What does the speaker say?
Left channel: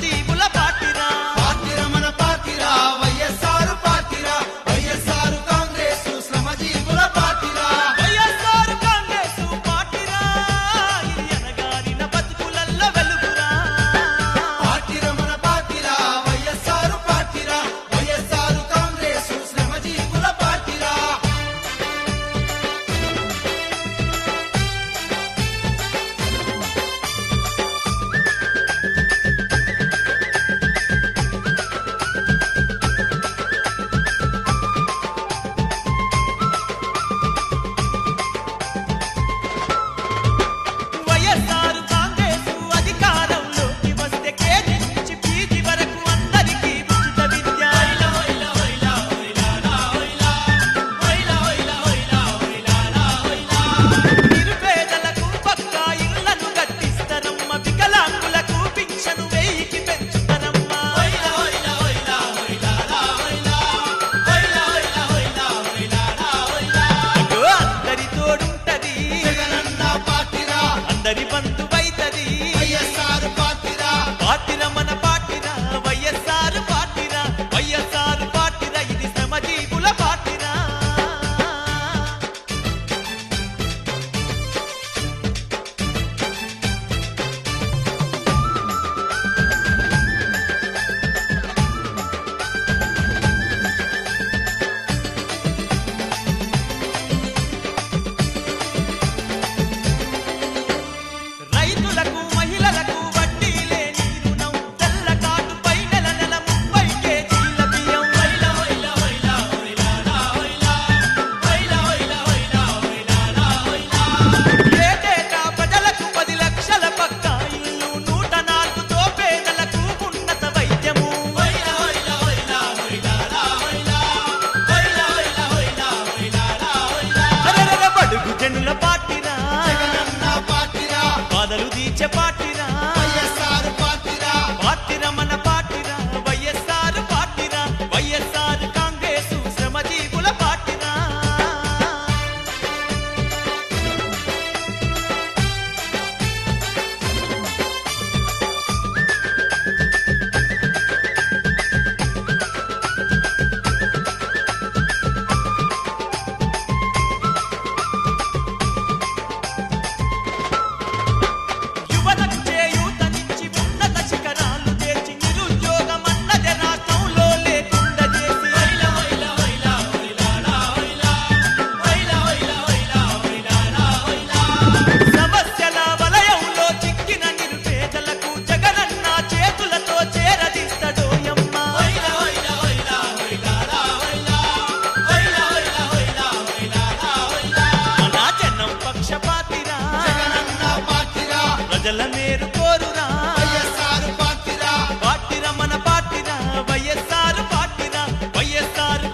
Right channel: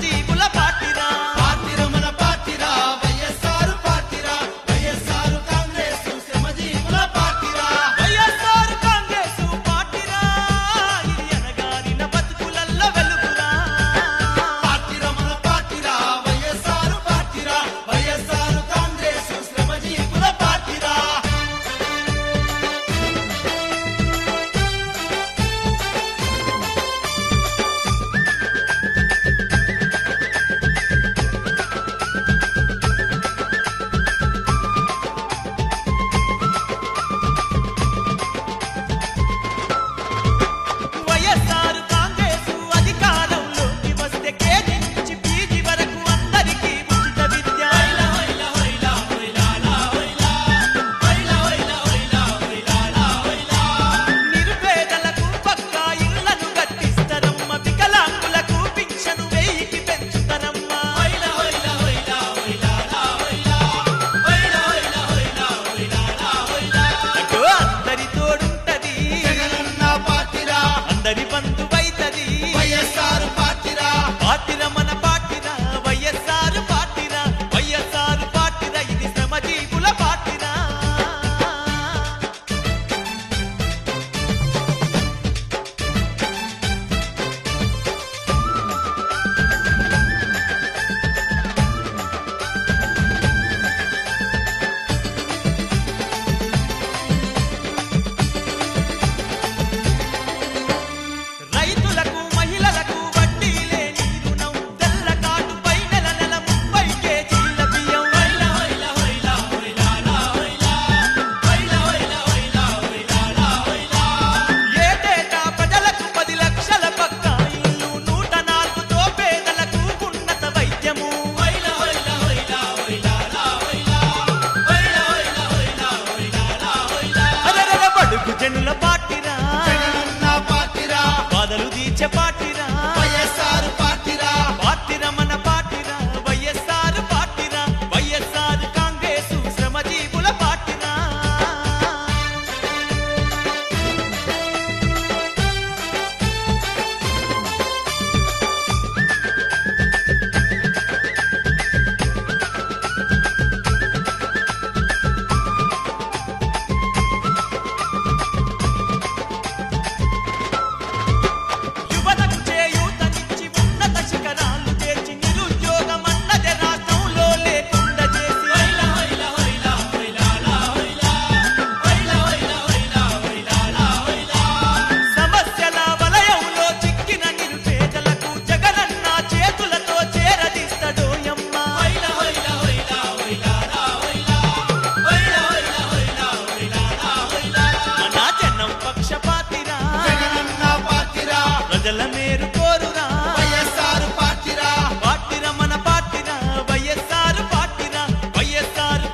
శ్రమజీవుల పార్టీరా అందరి బంధువైతది పార్టీరా మన పార్టీరా వైఎస్ఆర్ పార్టీరా వైఎస్ఆర్ పార్టీరా ఇది శ్రమజీవుల పార్టీరా రైతులకు మహిళలకు వడ్డీ లేని రుణం తెల్ల కాటుపై నెల నెల 30 కేజీల బియ్యం ఏటేటా ప్రజలకు 10 లక్షల పక్కా ఇల్లు 104తో పేదలకు ఉన్నత వైద్యము బడుగు జనుల పార్టీరా బాధలు తీర్చే పార్టీరా పార్టీరా మన పార్టీరా వైఎస్ఆర్ పార్టీరా వైఎస్ఆర్ కాంగ్రెస్ శ్రమజీవుల పార్టీరా పక్షపాతిరా ప్రజల మేరు కోరురా పార్టీరా మన పార్టీరా వైఎస్ఆర్ పార్టీరా వైఎస్ఆర్